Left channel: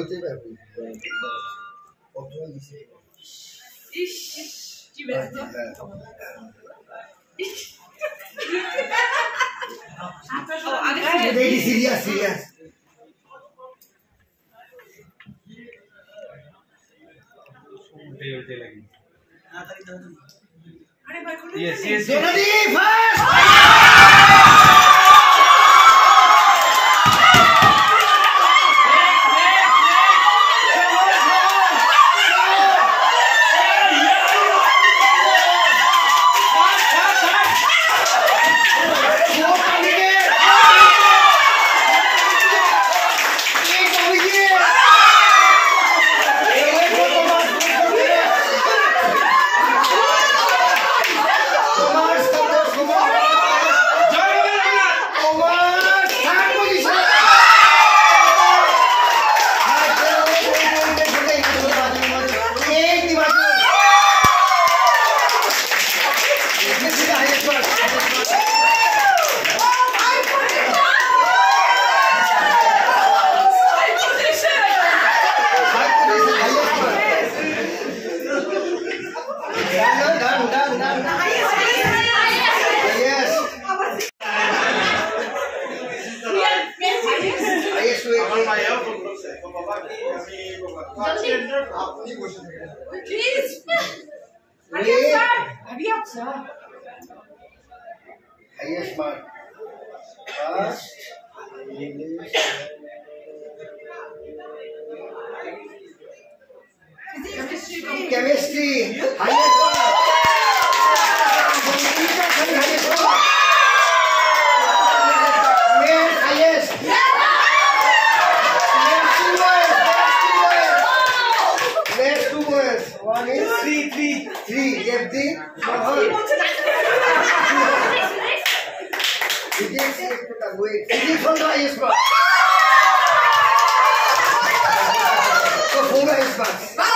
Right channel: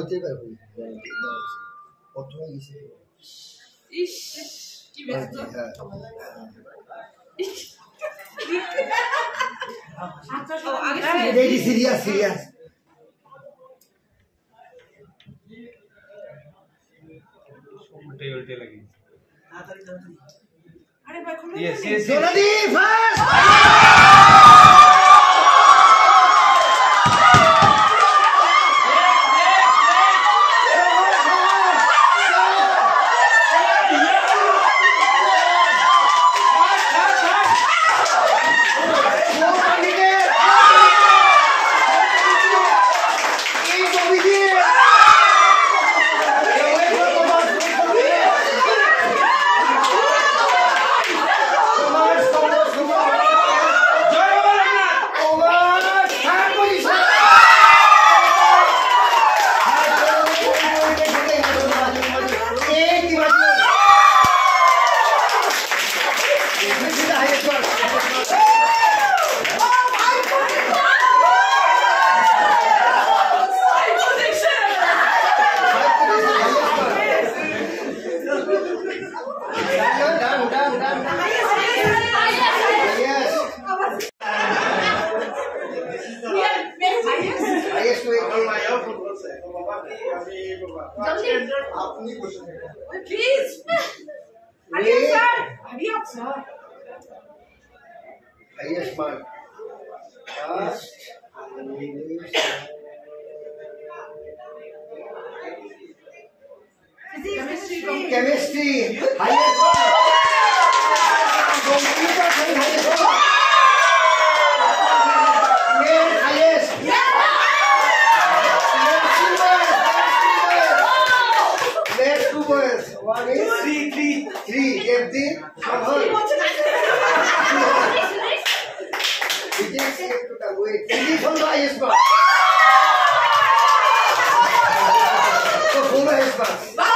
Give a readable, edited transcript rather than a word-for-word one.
ওতেই পারবি প্রথমে গেছি ইস কি ব্যস্ত রেডি সিরিয়াস সিরিয়াস उल्टे लगी अरे भाई खुलो yes yes ready fast highest mark first chemistry highest mark computer science highest mark math highest let's do words one is three get the Physics on the highest mark. So 4 highest marks.